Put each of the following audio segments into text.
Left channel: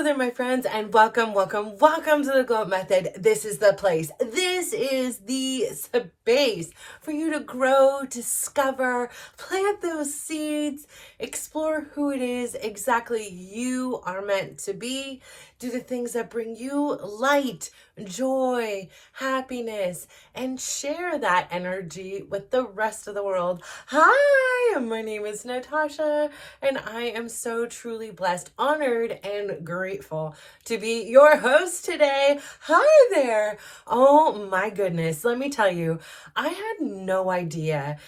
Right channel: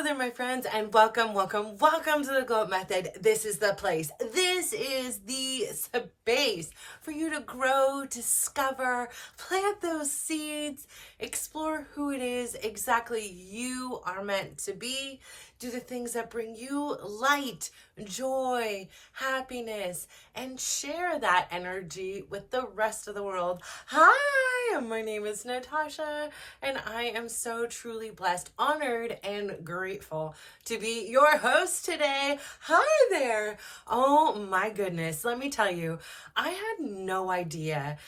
Hello there, my friends, and welcome to the Glow Up Method. This is the place. This is the space for you to grow, discover, plant those seeds, explore who it is exactly you are meant to be, do the things that bring you light, joy, happiness, and share that energy with the rest of the world. Hi, my name is Natasha, and I am so truly blessed, honored, and grateful to be your host today. Hi there. Oh my goodness. Let me tell you, I had no idea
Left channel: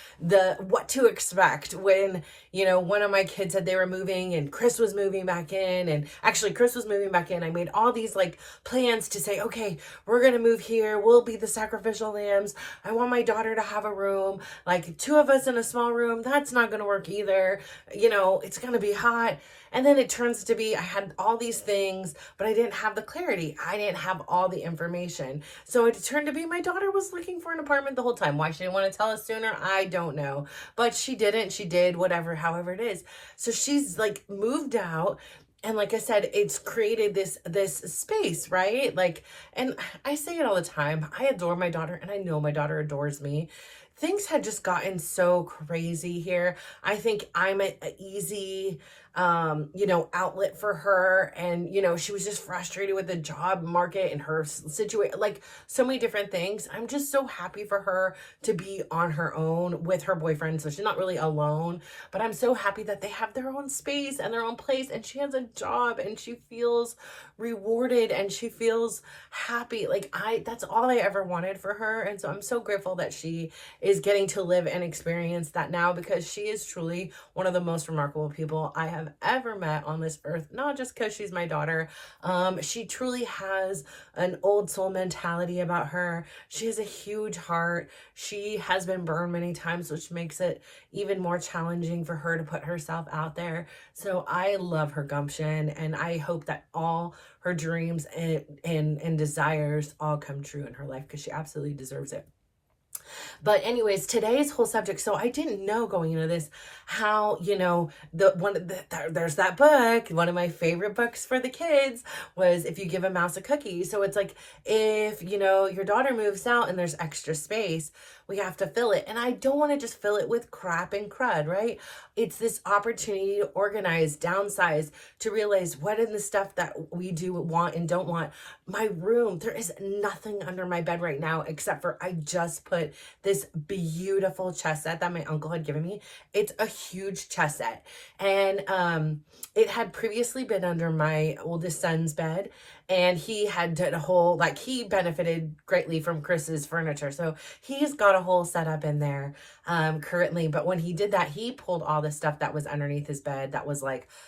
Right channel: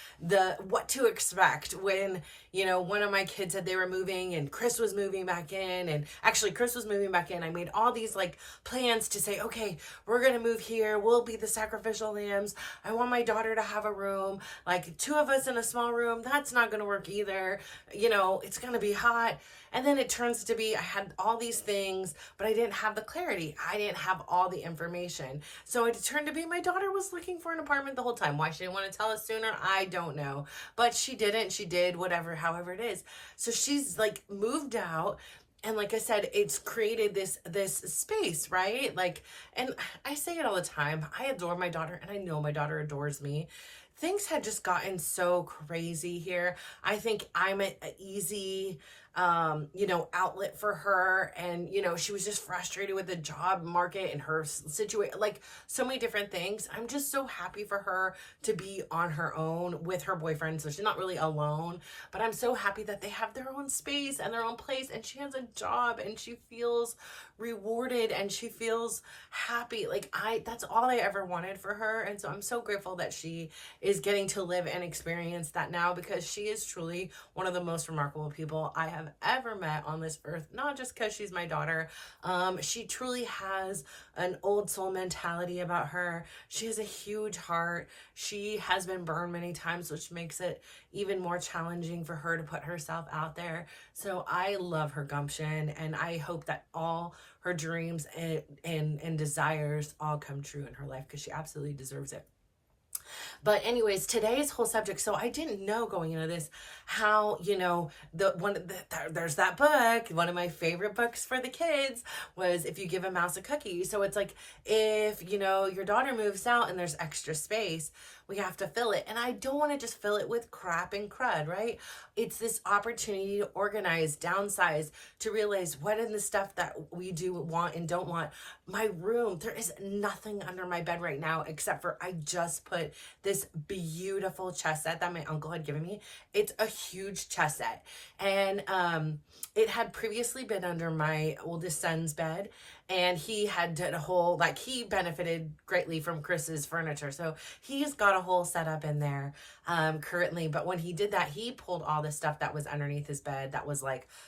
what to expect when, one of my kids said they were moving and Chris was moving back in, and actually Chris was moving back in. I made all these plans to say, okay, we're going to move here. We'll be the sacrificial lambs. I want my daughter to have a room, two of us in a small room. That's not going to work either. It's going to be hot. And then it turns to be, I had all these things, but I didn't have the clarity. I didn't have all the information. So it turned to be my daughter was looking for an apartment the whole time. Why she didn't want to tell us sooner, I don't know. But she didn't. She did, whatever, however it is. So she's moved out. And like I said, it's created this space, right? And I say it all the time. I adore my daughter, and I know my daughter adores me. Things had just gotten so crazy here. I think I'm an easy outlet for her. And, she was just frustrated with the job market and her situation, so many different things. I'm just so happy for her to be on her own with her boyfriend. So she's not really alone, but I'm so happy that they have their own space and their own place, and she has a job and she feels rewarded and she feels happy. That's all I ever wanted for her. And so I'm so grateful that she is getting to live and experience that now, because she is truly one of the most remarkable people I have ever met on this earth. Not just because she's my daughter. She truly has an old soul mentality about her. She has a huge heart. She has been burned many times, which makes it even more challenging for her to put herself out there. So I love her gumption, and I hope that all her dreams and desires all come true in her life, because she absolutely deserves it. But anyways, today's whole subject. So I didn't know going into this how, there's that book. One of my favorite books for the kids was If You Give a Mouse a Cookie. So it's if, your daughter moves out and there's extra space, we have to fill it. And I don't want to just fill it with crap and crud, right? It's this opportunity to organize, downsize, to realize what is the stuff that we do want and don't want. My room, there is nothing under my bed right now except for I just put this beautiful chess set that my uncle had given me. It's a huge chess set. And it had previously been under my oldest son's bed. And he had done a whole, he benefited greatly from Chris's furniture. So he's got a whole setup in there currently. But when he did that, he pulled all the stuff that was underneath his bed that was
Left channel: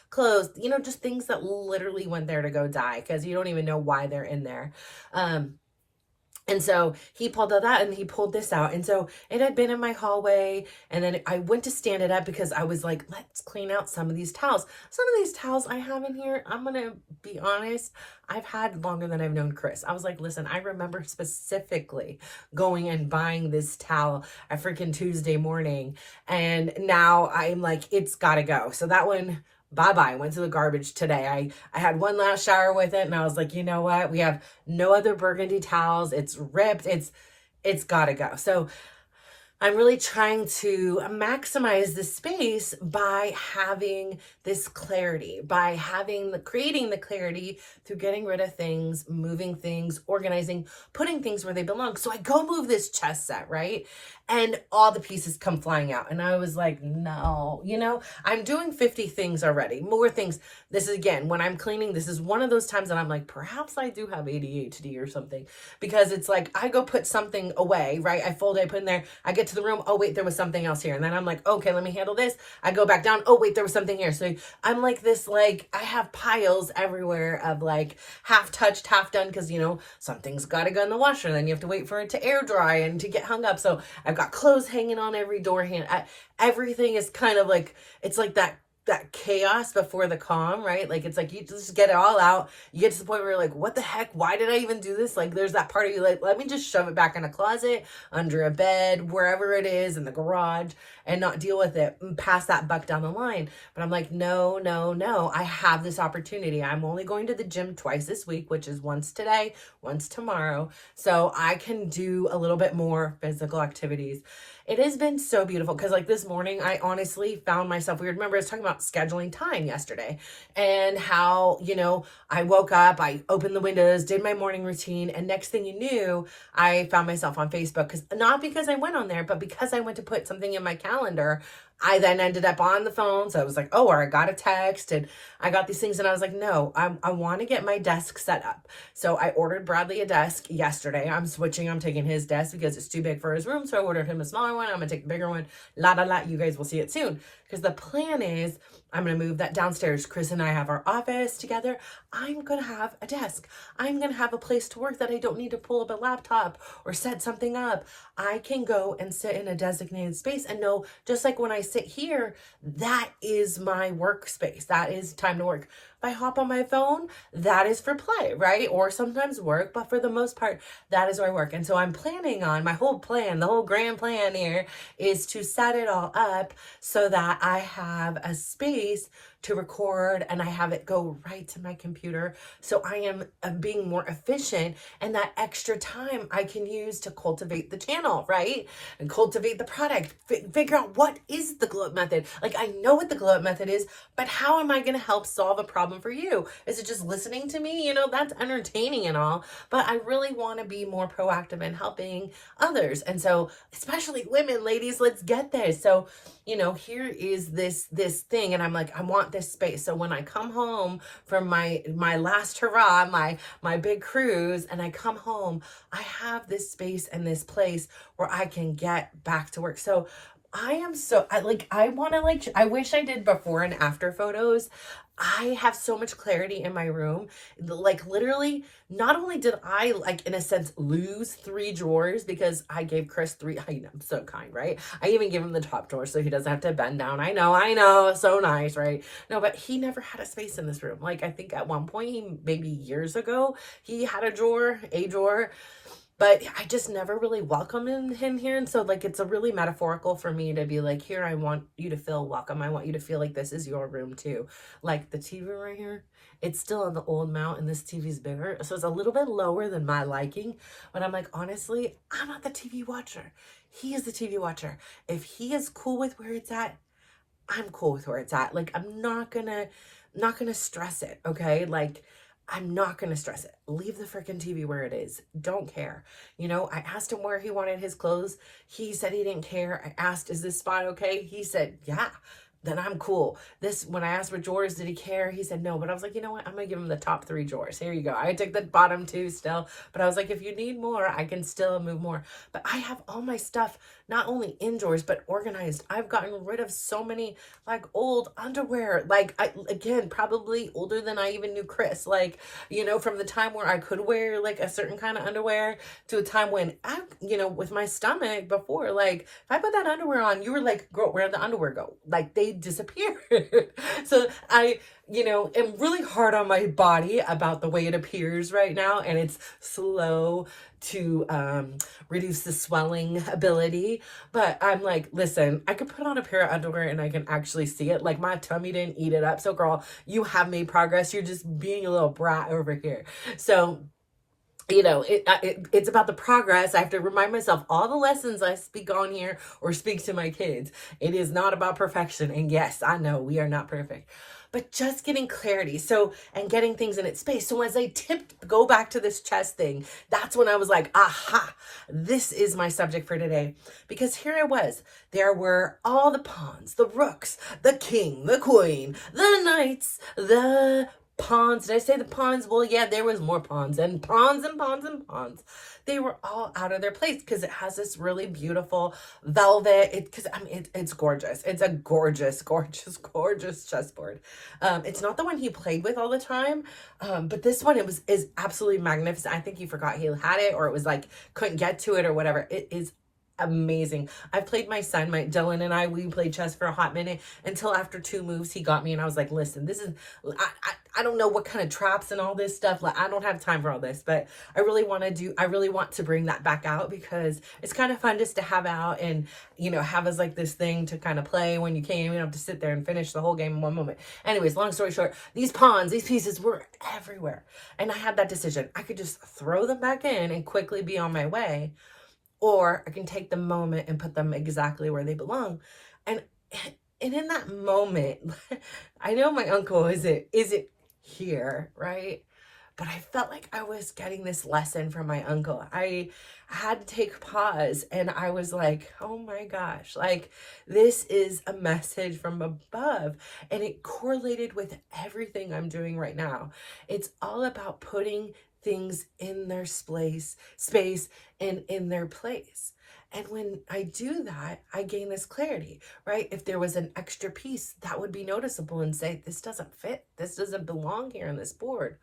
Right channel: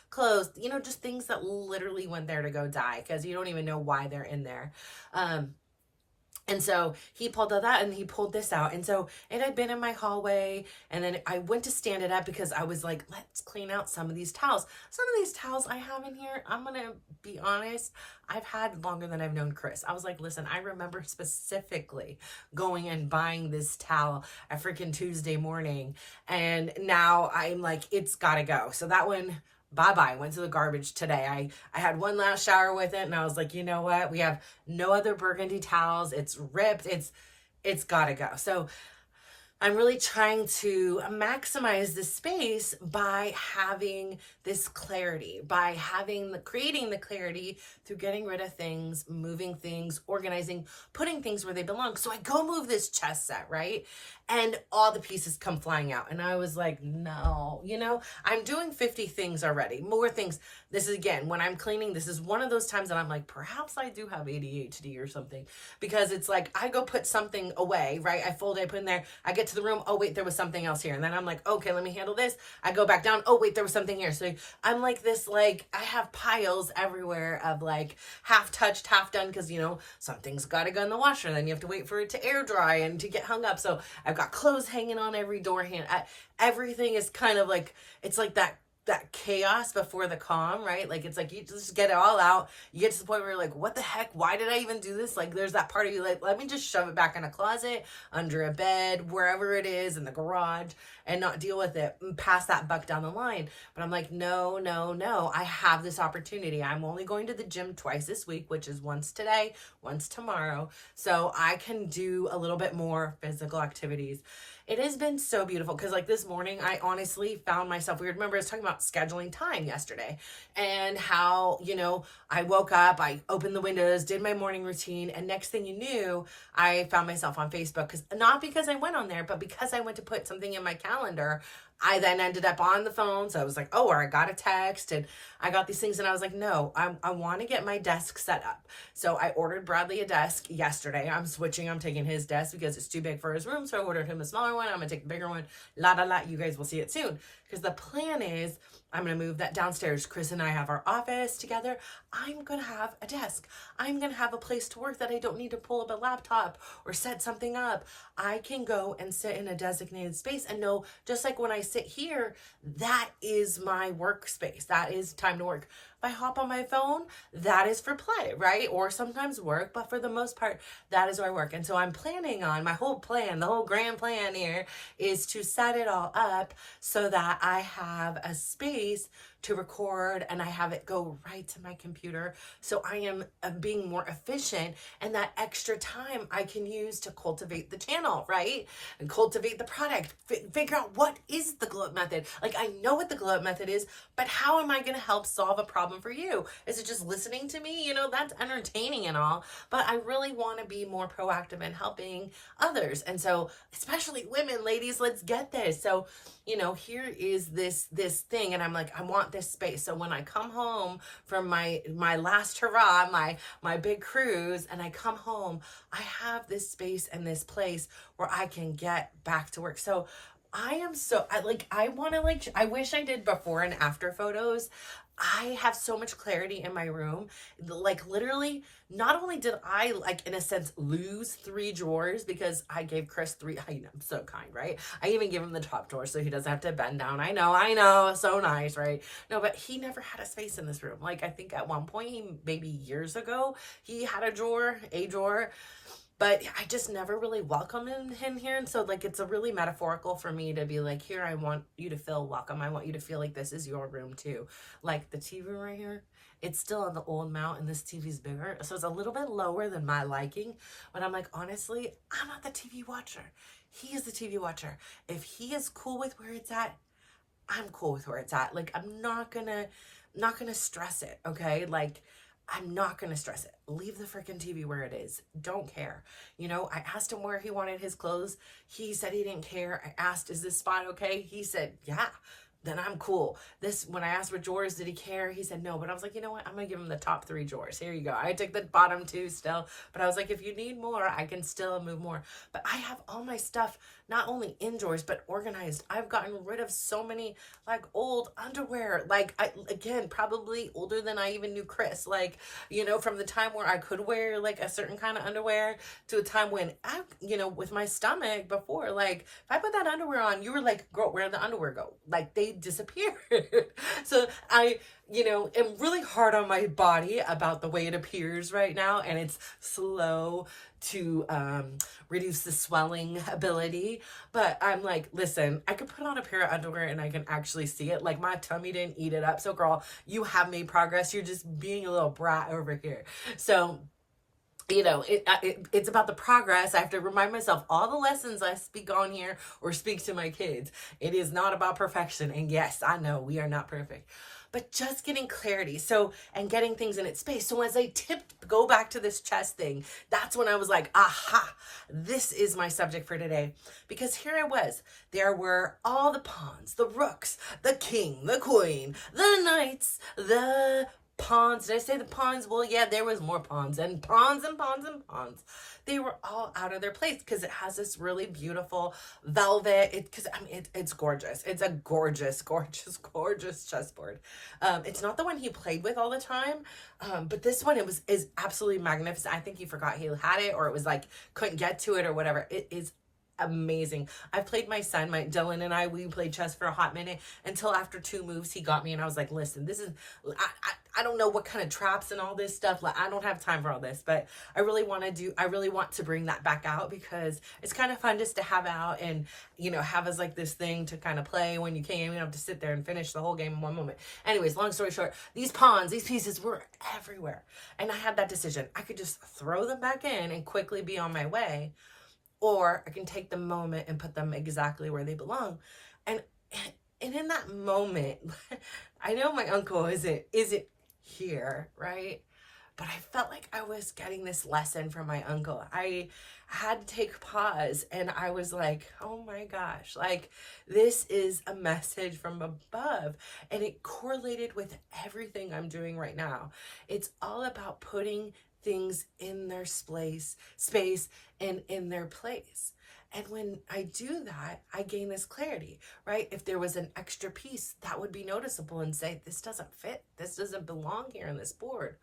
clothes, just things that literally went there to go die, because you don't even know why they're in there. And so he pulled all that, and he pulled this out. And so it had been in my hallway. And then I went to stand it up because I was like, let's clean out some of these towels. Some of these towels I have in here, I'm going to be honest, I've had longer than I've known Chris. I was like, listen, I remember specifically going and buying this towel a freaking Tuesday morning. And now I'm like, it's got to go. So that one, bye-bye, went to the garbage today. I had one last shower with it, and I was like, you know what? We have no other burgundy towels. It's ripped. It's got to go. So I'm really trying to maximize the space by having this clarity, by creating the clarity through getting rid of things, moving things, organizing, putting things where they belong. So I go move this chess set, right? And all the pieces come flying out. And I was like, no, I'm doing 50 things already, more things. This is, again, when I'm cleaning, this is one of those times that I'm like, perhaps I do have ADHD or something, because it's I go put something away, right? I fold it, I put in there, I get to the room, oh wait, there was something else here. And then I'm like, okay, let me handle this. I go back down, oh wait, there was something here. So I'm I have piles everywhere of half touched, half done, because something's got to go in the washer, then you have to wait for it to air dry and to get hung up. So I've got clothes hanging on every door hand. Everything is kind of it's that that chaos before the calm, right? Like, it's like you just get it all out. You get to the point where you're like, what the heck? Why did I even do this? Like, there's that part of you like, let me just shove it back in a closet, under a bed, wherever it is, in the garage, and not deal with it and pass that buck down the line. But I'm like, no, no, no. I have this opportunity. I'm only going to the gym twice this week, which is once today, once tomorrow. So I can do a little bit more physical activities. It has been so beautiful because, like, this morning, I honestly found myself weird. Remember, I was talking about scheduling time yesterday and how, I woke up, I opened the windows, did my morning routine, and next thing you knew, I found myself on Facebook. Not because I went on there, but because I went to put something in my calendar. I then ended up on the phone. So I was like, oh, or I got a text and I got these things. And I was like, no, I want to get my desk set up. So I ordered Bradley a desk yesterday. I'm switching. I'm taking his desk because it's too big for his room. So I ordered him a smaller one. I'm going to take the bigger one. You guys will see it soon. Because the plan is I'm going to move that downstairs. Chris and I have our office together. I'm going to have a desk. I'm going to have a place to work that I don't need to pull up a laptop or set something up. I can go and sit in a designated space and know, just like when I sit here, that is my workspace. That is time to work. If I hop on my phone, that is for play, right? Or sometimes work, but for the most part, that is where I work. And so I'm planning on my whole plan, the whole grand plan here is to set it all up so that I have a space to record and I have it go right to my computer. So I am being more efficient, and that extra time I can use to cultivate the channel, right? And cultivate the product, figure out what is the glow up method. Like, I know what the glow up method is, but how am I going to help solve a problem for you? Is it just listening to me? That's entertaining and all, but I really want to be more proactive in helping others. And so, especially women, ladies, let's get this. So, here is this thing, and I'm like, I want this space. So when I come home from my last hurrah, my big cruise, and I come home, I have this space and this place where I can get back to work. So I wish I did before and after photos. I have so much clarity in my room. Like, literally, not only did I, like, in a sense, lose 3 drawers because I gave Chris 3, I'm so kind, right? I even give him the top drawer so he doesn't have to bend down. I know, so nice, right? No, but he never had a space in this room. Like, I think at one point, maybe years ago, he had a drawer, but I just never really welcomed him here. And so, like, it's a really metaphorical for me to be like, here, I want you to feel welcome. I want you to feel like this is your room too. Like, the TV right here, it's still on the old mount and this TV's bigger. So it's a little bit lower than my liking. But I'm like, honestly, I'm not the TV watcher. He is the TV watcher. If he is cool with where it's at, I'm cool with where it's at. Like, I'm not gonna stress it, okay? Like, I'm not going to stress it. Leave the freaking TV where it is. Don't care. I asked him where he wanted his clothes. He said he didn't care. I asked, is this spot okay? He said, yeah. Then I'm cool. When I asked for drawers, did he care? He said no, but I was like, you know what? I'm going to give him the top 3 drawers. Here you go. I took the bottom 2 still, but I was like, if you need more, I can still move more. But I have all my stuff, not only in drawers, but organized. I've gotten rid of so many, like, old underwear. Like, again, probably older than I even knew Chris. Like, from the time where I could wear, like, a certain kind of underwear to a time when with my stomach before, like, if I put that underwear on, you were like, girl, where'd the underwear go? Like, they disappear. So I am really hard on my body about the way it appears right now, and it's slow to reduce the swelling ability. But I'm like, listen, I could put on a pair of underwear and I can actually see it. Like, my tummy didn't eat it up. So, girl, you have made progress. You're just being a little brat over here. So, it's about the progress. I have to remind myself all the lessons I speak on here or speak to my kids. It is not about perfection. And yes, I know we are not perfect, but just getting clarity. And getting things in its space. So as I go back to this chest thing, that's when I was like, aha, this is my subject for today. Because here I was, there were all the pawns, the rooks, the king, the queen, the knights, the pawns. Did I say the pawns? Well, yeah, there was more pawns and pawns and pawns and pawns. They were all out of their place because it has this really beautiful velvet. It's gorgeous. It's a gorgeous, gorgeous, gorgeous chessboard. It's not the one he played with all the time, but this one is absolutely magnificent. I think he forgot he had it, or it was like couldn't get to it or whatever. It is amazing. I played my son, my Dylan and we played chess for a hot minute until after 2 moves he got me, and I was like, listen, this is, I don't know what kind of traps and all this stuff. Like, I don't have time for all this, but I really want to bring that back out because it's kind of fun just to have out and, have as like this thing to kind of play when you can't even have to sit there and finish the whole game in one moment. Anyways, long story short, these pawns, these pieces were everywhere. And I had that decision. I could just throw them back in and quickly be on my way, or I can take the moment and put them exactly where they belong. And in that moment, I know my uncle isn't here, right? But I felt like I was getting this lesson from my uncle. I had to take pause, and I was like, oh my gosh, like this is a message from above, and it correlated with everything I'm doing right now. It's all about putting things in their space and in their place. And when I do that, I gain this clarity, right? If there was an extra piece, that would be noticeable and say, this doesn't fit. This doesn't belong here on this board.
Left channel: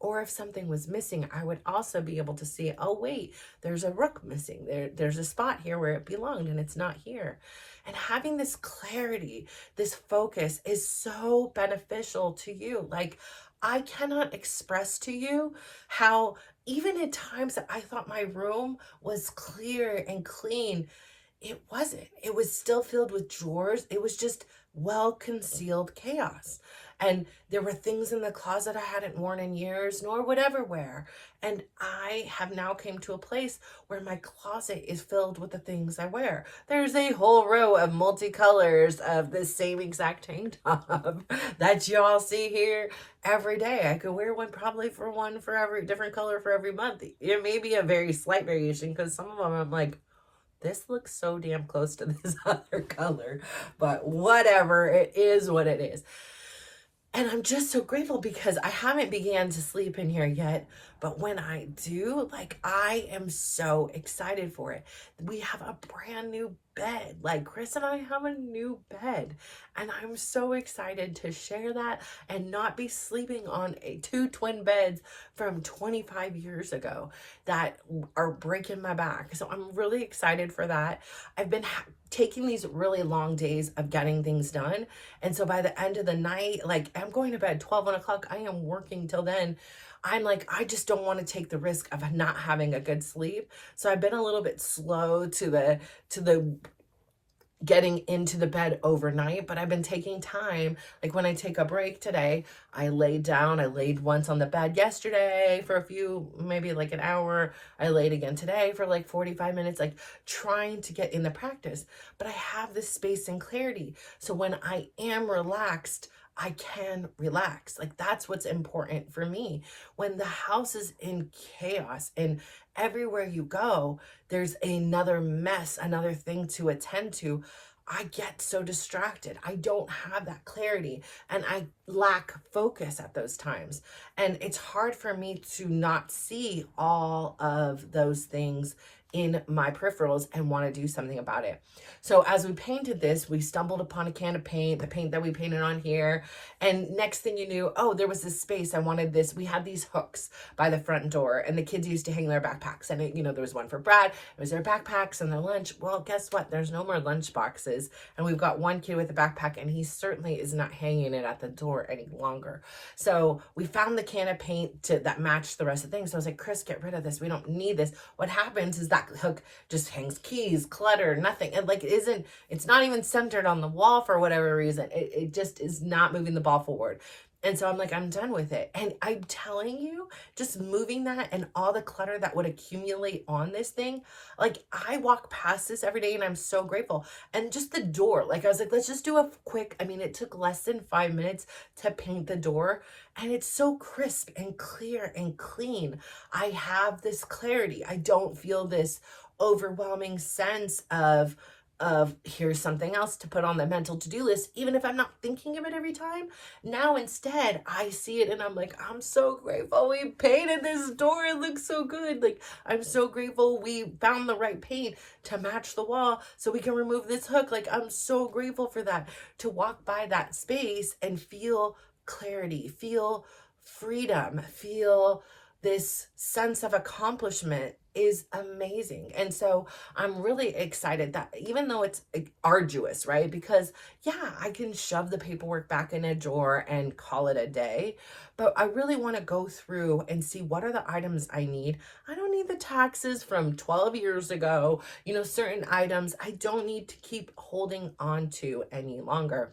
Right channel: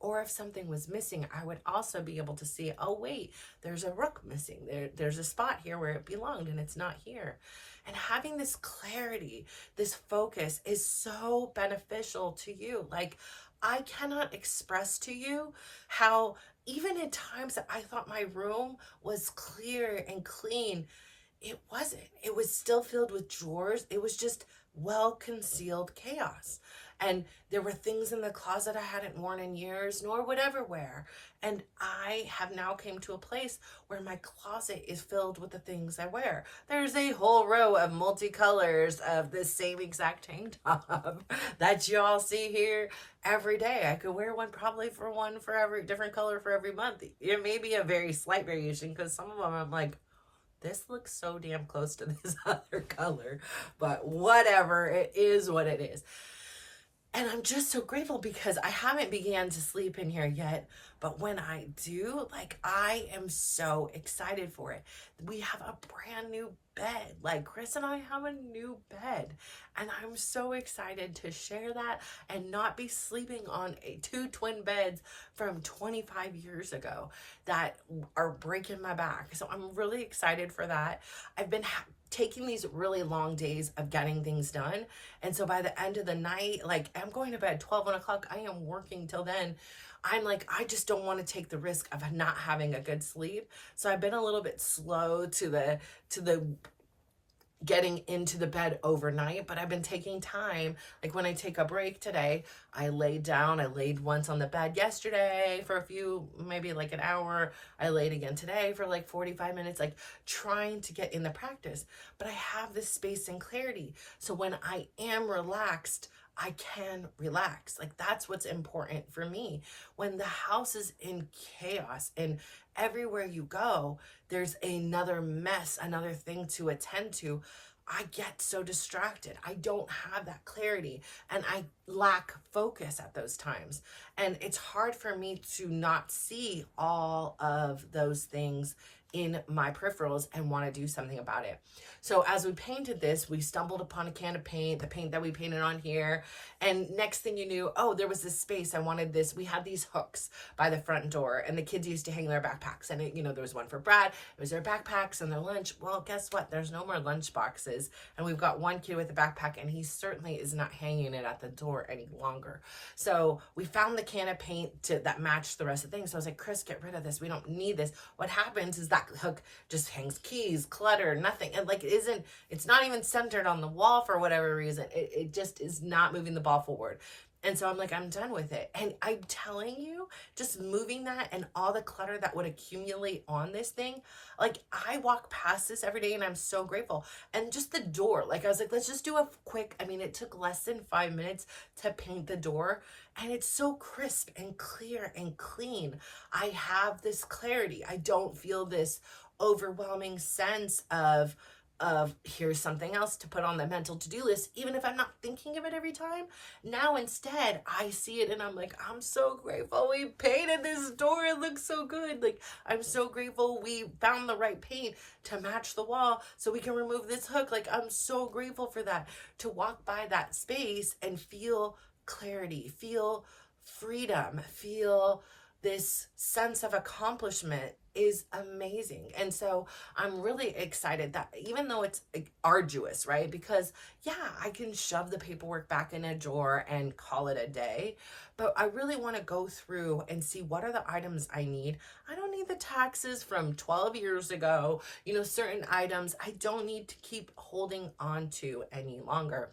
Or if something was missing, I would also be able to see, oh, wait, there's a rook missing. There's a spot here where it belonged and it's not here. And having this clarity, this focus is so beneficial to you. Like, I cannot express to you how even at times that I thought my room was clear and clean, it wasn't. It was still filled with drawers. It was just well-concealed chaos. And there were things in the closet I hadn't worn in years, nor would ever wear. And I have now came to a place where my closet is filled with the things I wear. There's a whole row of multicolors of the same exact tank top that y'all see here every day. I could wear one for every different color for every month. It may be a very slight variation because some of them I'm like, this looks so damn close to this other color, but whatever, it is what it is. And I'm just so grateful because I haven't began to sleep in here yet. But when I do, like, I am so excited for it. We have a brand new bed. Like, Chris and I have a new bed. And I'm so excited to share that and not be sleeping on two twin beds from 25 years ago that are breaking my back. So I'm really excited for that. I've been taking these really long days of getting things done. And so by the end of the night, like, I'm going to bed 12, 1 o'clock. I am working till then. I'm like, I just don't want to take the risk of not having a good sleep. So I've been a little bit slow to the getting into the bed overnight, but I've been taking time. Like when I take a break today, I laid down. I laid once on the bed yesterday for a few, maybe like an hour. I laid again today for like 45 minutes, like trying to get in the practice. But I have this space and clarity. So when I am relaxed, I can relax. Like that's what's important for me. When the house is in chaos and everywhere you go, there's another mess, another thing to attend to, I get so distracted. I don't have that clarity and I lack focus at those times. And it's hard for me to not see all of those things in my peripherals and want to do something about it. So as we painted this, we stumbled upon a can of paint, the paint that we painted on here. And next thing you knew, oh, there was this space. I wanted this. We had these hooks by the front door and the kids used to hang their backpacks. And it, there was one for Brad. It was their backpacks and their lunch. Well, guess what? There's no more lunch boxes. And we've got one kid with a backpack and he certainly is not hanging it at the door any longer. So we found the can of paint that matched the rest of the things. So I was like, Chris, get rid of this. We don't need this. What happens is that hook just hangs keys, clutter, nothing. And like it's not even centered on the wall for whatever reason. It just is not moving the ball forward. And so I'm like, I'm done with it. And I'm telling you, just moving that and all the clutter that would accumulate on this thing, like I walk past this every day and I'm so grateful. And just the door, like I was like, let's just do a quick, it took less than 5 minutes to paint the door. And it's so crisp and clear and clean. I have this clarity. I don't feel this overwhelming sense of here's something else to put on the mental to-do list, even if I'm not thinking of it every time. Now instead I see it and I'm like, I'm so grateful we painted this door. It looks so good. Like I'm so grateful we found the right paint to match the wall so we can remove this hook. Like I'm so grateful for that, to walk by that space and feel clarity, feel freedom, feel this sense of accomplishment is amazing. And so I'm really excited that even though it's arduous, right? Because yeah, I can shove the paperwork back in a drawer and call it a day, but I really want to go through and see what are the items I need. I don't need the taxes from 12 years ago. Certain items I don't need to keep holding on to any longer.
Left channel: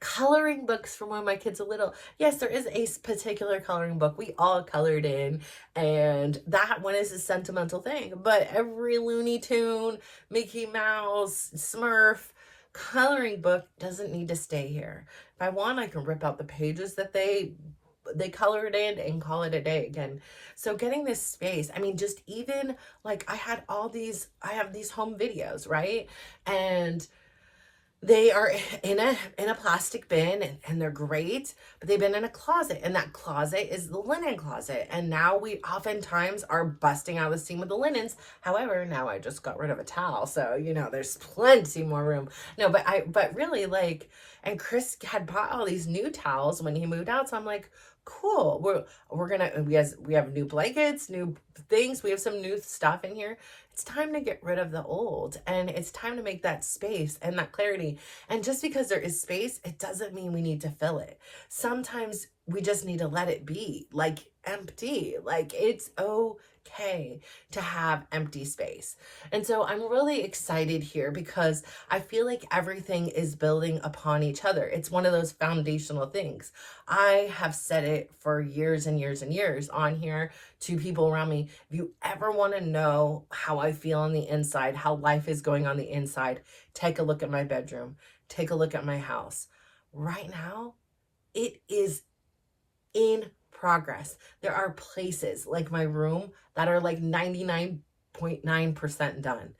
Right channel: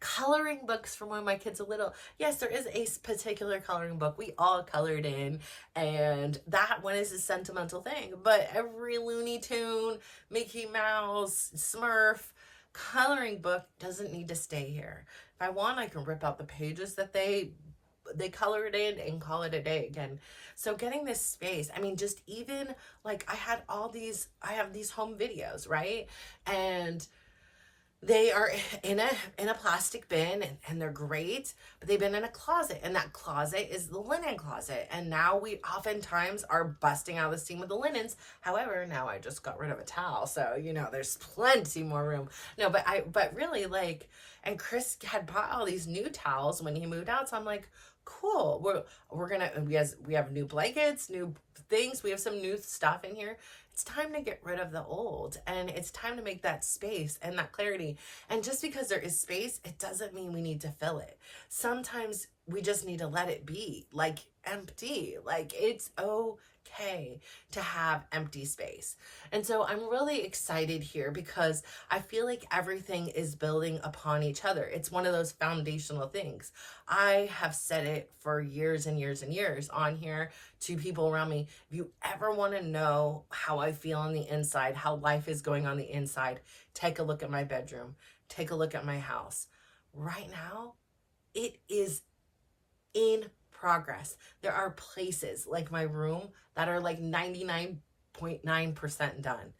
Coloring books from when my kids are little. Yes, there is a particular coloring book we all colored in, and that one is a sentimental thing. But every Looney Tune, Mickey Mouse, Smurf coloring book doesn't need to stay here. If I want, I can rip out the pages that they colored in and call it a day again. So getting this space, I mean, just even like I have these home videos, right? And they are in a plastic bin, and they're great, but they've been in a closet, and that closet is the linen closet. And now we oftentimes are busting out the seam with the linens. However, now I just got rid of a towel, so there's plenty more room. No, but really, like, and Chris had bought all these new towels when he moved out, so I'm like, cool. We have new blankets, new things. We have some new stuff in here. It's time to get rid of the old, and it's time to make that space and that clarity. And just because there is space, it doesn't mean we need to fill it. Sometimes we just need to let it be, like, empty. Like, it's okay to have empty space. And so I'm really excited here because I feel like everything is building upon each other. It's one of those foundational things. I have said it for years and years and years on here to people around me. If you ever want to know how I feel on the inside, how life is going on the inside, take a look at my bedroom. Take a look at my house. Right now, it is in progress. There are places like my room that are like 99.9% done.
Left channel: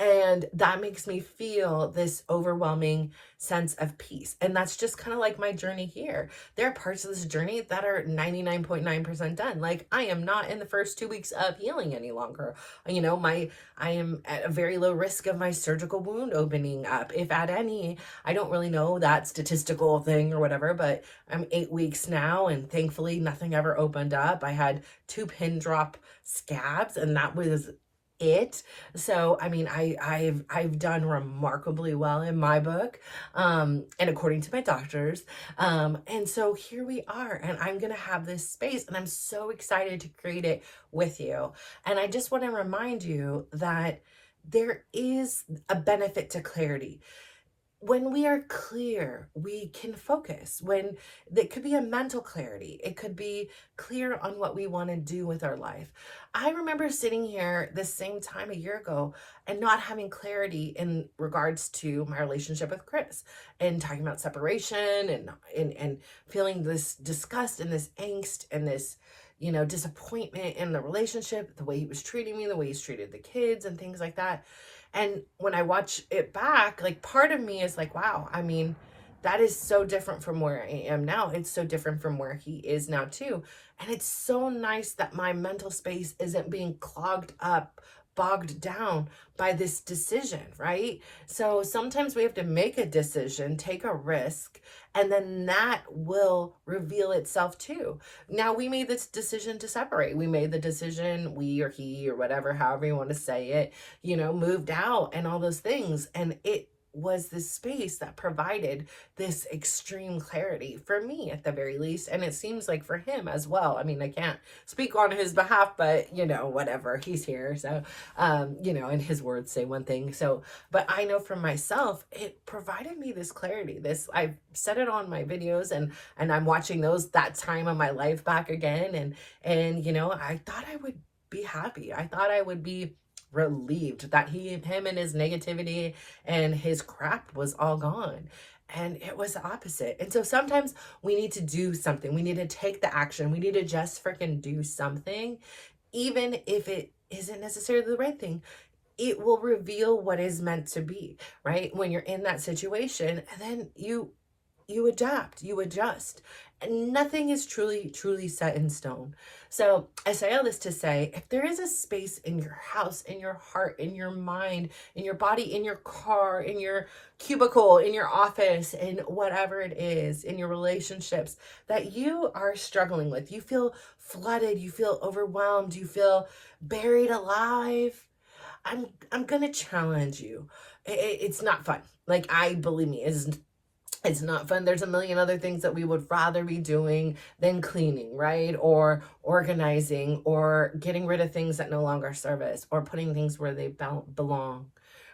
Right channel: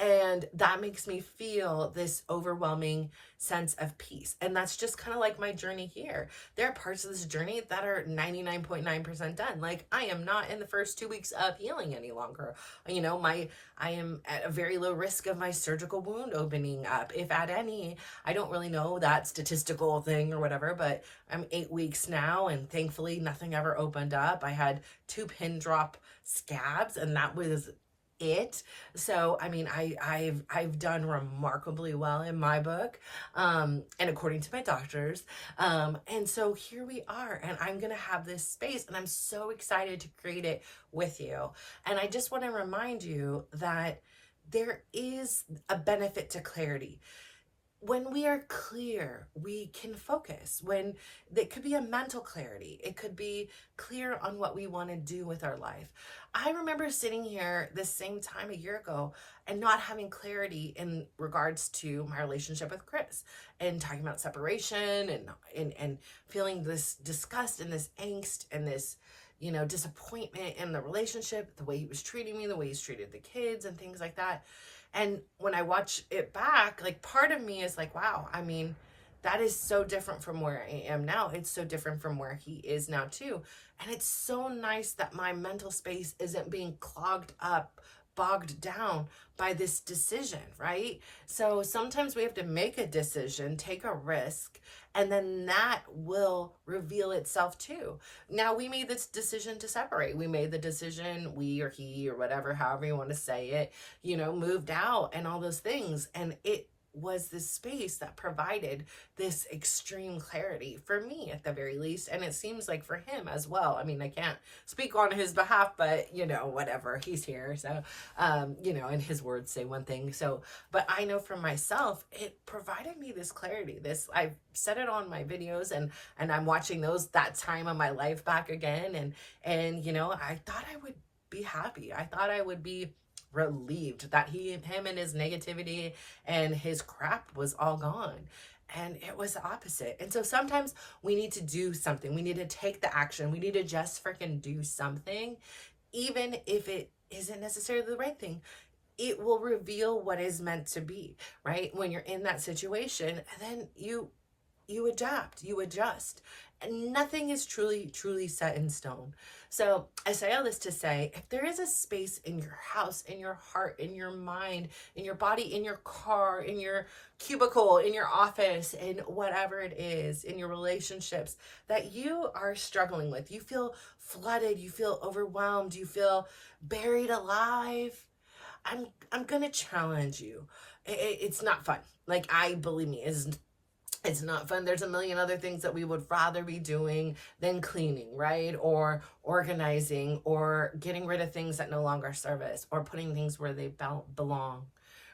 And that makes me feel this overwhelming sense of peace. And that's just kind of like my journey here. There are parts of this journey that are 99.9% done. Like, I am not in the first 2 weeks of healing any longer. I am at a very low risk of my surgical wound opening up, if at any. I don't really know that statistical thing or whatever, but I'm 8 weeks now, and thankfully nothing ever opened up. I had 2 pin drop scabs, and that was it. So I mean, I've done remarkably well in my book, and according to my doctors, and so here we are, and I'm gonna have this space, and I'm so excited to create it with you. And I just want to remind you that there is a benefit to clarity. When we are clear, we can focus. When it could be a mental clarity, it could be clear on what we want to do with our life. I remember sitting here the same time a year ago and not having clarity in regards to my relationship with Chris, and talking about separation, and feeling this disgust and this angst and this disappointment in the relationship, the way he was treating me, the way he's treated the kids and things like that. And when I watch it back, like, part of me is like, wow, I mean, that is so different from where I am now. It's so different from where he is now too. And it's so nice that my mental space isn't being clogged up, bogged down by this decision, right? So sometimes we have to make a decision, take a risk, and then that will reveal itself too. Now, we made this decision to separate. We made the decision, we or he or whatever, however you want to say it, moved out and all those things. And it was this space that provided this extreme clarity for me, at the very least, and it seems like for him as well. I mean, I can't speak on his behalf, but whatever, he's here, so and his words say one thing. So, but I know for myself, it provided me this clarity. I've said it on my videos, and I'm watching that time of my life back again, and I thought I would be happy. I thought I would be relieved that him and his negativity and his crap was all gone. And it was the opposite. And so sometimes we need to do something. We need to take the action. We need to just freaking do something, even if it isn't necessarily the right thing. It will reveal what is meant to be, right? When you're in that situation, and then you you adapt, you adjust. And nothing is truly set in stone. So I say all this to say, if there is a space in your house, in your heart, in your mind, in your body, in your car, in your cubicle, in your office, in whatever it is, in your relationships that you are struggling with, you feel flooded, you feel overwhelmed, you feel buried alive, I'm gonna challenge you. It's not fun. Like, I believe me, it's not fun. There's a million other things that we would rather be doing than cleaning, right? Or organizing, or getting rid of things that no longer serve us, or putting things where they belong,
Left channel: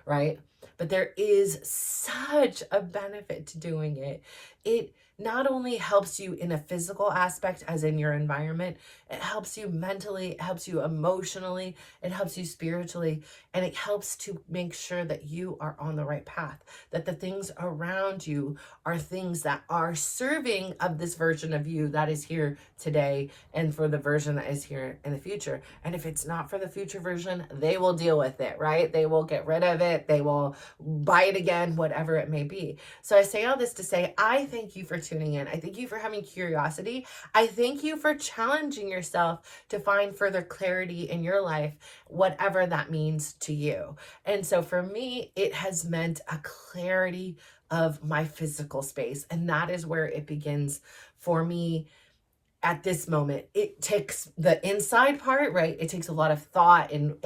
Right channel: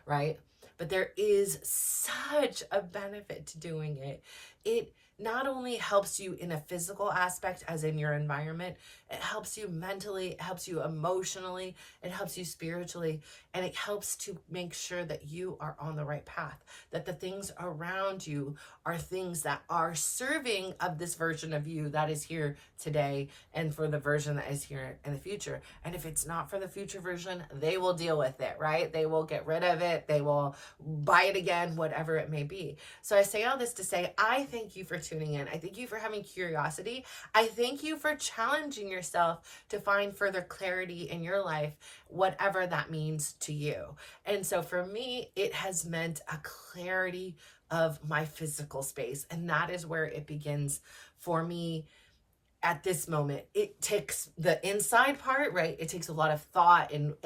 right? But there is such a benefit to doing it. It not only helps you in a physical aspect, as in your environment, it helps you mentally, it helps you emotionally, it helps you spiritually, and it helps to make sure that you are on the right path, that the things around you are things that are serving of this version of you that is here today, and for the version that is here in the future. And if it's not for the future version, they will deal with it, right? They will get rid of it. They will buy it again, whatever it may be. So I say all this to say, I thank you for tuning in. I thank you for having curiosity. I thank you for challenging yourself to find further clarity in your life, whatever that means to you. And so for me, it has meant a clarity of my physical space. And that is where it begins for me at this moment. It takes the inside part, right? It takes a lot of thought and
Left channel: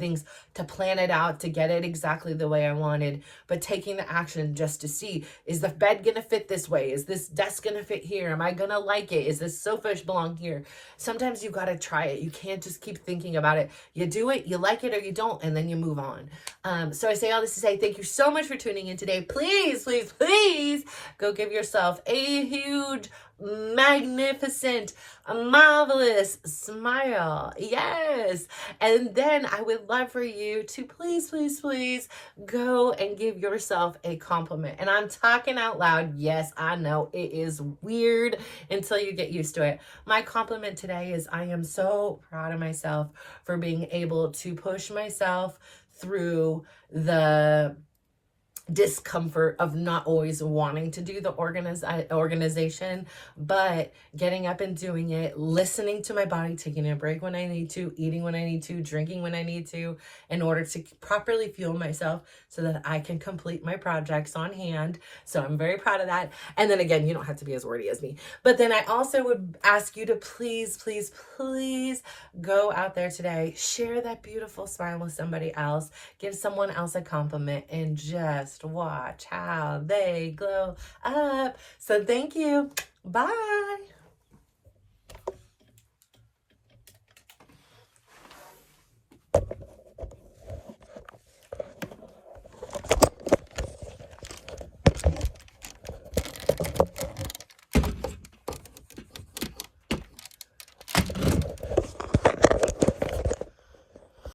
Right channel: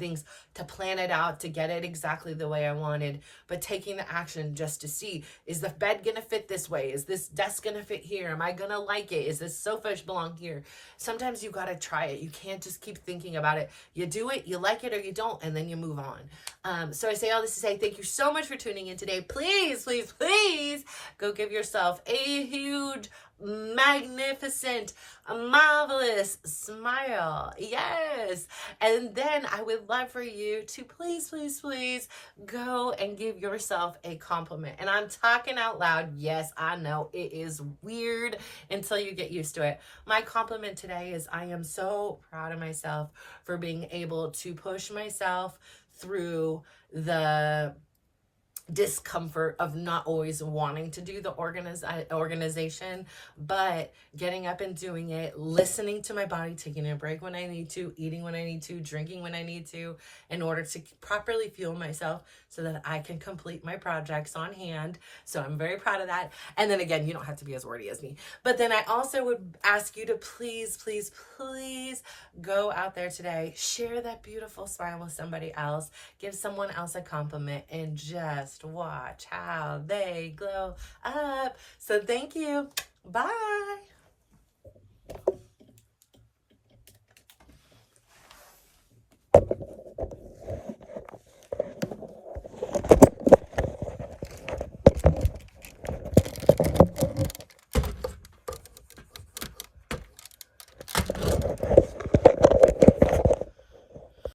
things to plan it out, to get it exactly the way I wanted. But taking the action just to see, is the bed gonna fit this way? Is this desk gonna fit here? Am I gonna like it? Is this sofa belong here? Sometimes you gotta try it. You can't just keep thinking about it. You do it, you like it or you don't, and then you move on. So I say all this to say, thank you so much for tuning in today. Please, please, please go give yourself a huge, magnificent, a marvelous smile. Yes. And then I would love for you to please, please, please go and give yourself a compliment. And I'm talking out loud. Yes, I know it is weird until you get used to it. My compliment today is, I am so proud of myself for being able to push myself through the discomfort of not always wanting to do the organization, but getting up and doing it, listening to my body, taking a break when I need to, eating when I need to, drinking when I need to, in order to properly fuel myself so that I can complete my projects on hand. So I'm very proud of that. And then again, you don't have to be as wordy as me, but then I also would ask you to please, please, please go out there today, share that beautiful smile with somebody else, give someone else a compliment, and just watch how they glow up. So thank you. Bye.